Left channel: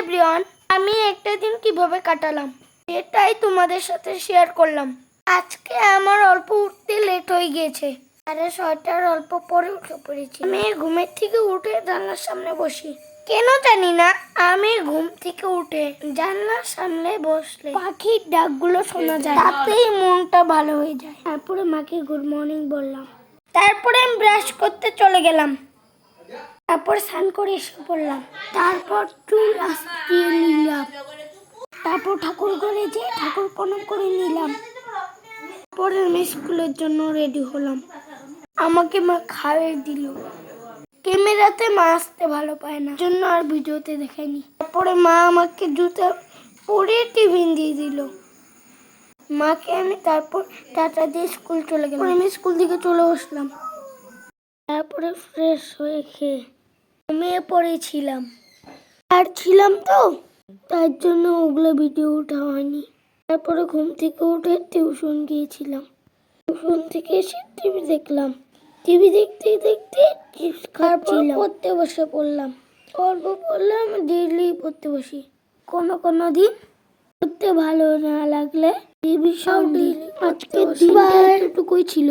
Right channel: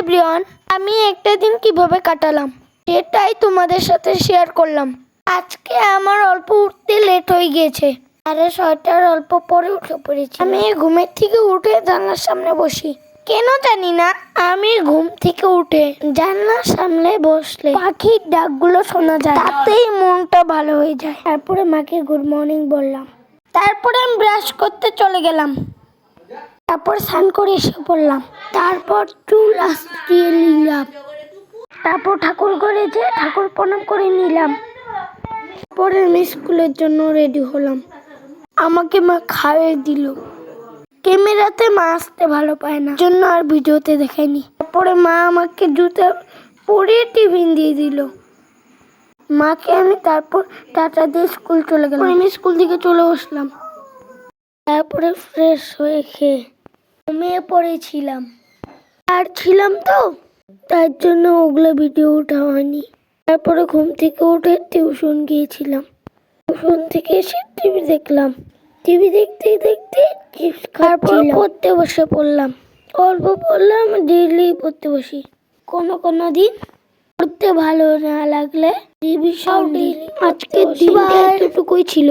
Everyone, আমি একটা দিন কিভাবে কাটালাম সেটাই তোমাদের সাথে শেয়ার করলাম। আজকে আমার অল্প উঠতে লেট হয়ে গিয়েছে। 6:30 অল্প পরে উঠে পড়েছি। আমি ঘুমের থেকে উঠে জানলার সামনে বসি। কেন জানি না, আমি ঘুম থেকে উঠে জানলার সামনে বসলে পাখির ডাকগুলো শোনা যায়, তাতেই মনটা ভালো হয়ে যায়। তারপরে মাকে গুড মর্নিং বললাম। তারপরে আমি ব্রাশ করতে চলে গেলাম। তারপর স্নান করে এসে পড়লাম। তারপর চুল আঁচড়িয়ে নিলাম। তারপর ঠাকুর ঘরে যে ঠাকুর প্রণাম করে নিলাম। পরে আমি স্কুলের জন্য রেডি হলাম। আমাকে মা খাইয়ে দিল। ক্যামেরাতে মা আসতে ভালো পায় না, জন্য আর ভিডিওতে দেখায়নি। তারপরে মা আমাকে জুতা পরে টিফিন দিয়ে দিল। মাকে আমি তারপর টাটা দিয়ে স্কুল চলে গেলাম। আমি স্কুল থেকে চলে আসলাম। তারপরে ফ্রেশ হয়ে খেয়ে ঘুমিয়ে পড়েছিলাম। আর ছিলাম তো, তার জন্য ওগুলো ভিডিও ওঠা হয়নি। তারপরে ঘুম থেকে উঠে টিউশন গিয়েছিলাম। টিউশন থেকে এসে টিভি দেখলাম। টিভি দেখতে দেখতে চিপস খাচ্ছিলাম। পড়তে বসে পড়লাম। অল্প পড়লাম, ডেইলি পড়তে বসি। কোনো দিন পড়তে ভালো না লাগলে রিভিশন দিই। আজকের দিনটা এতটুকুই ছিল।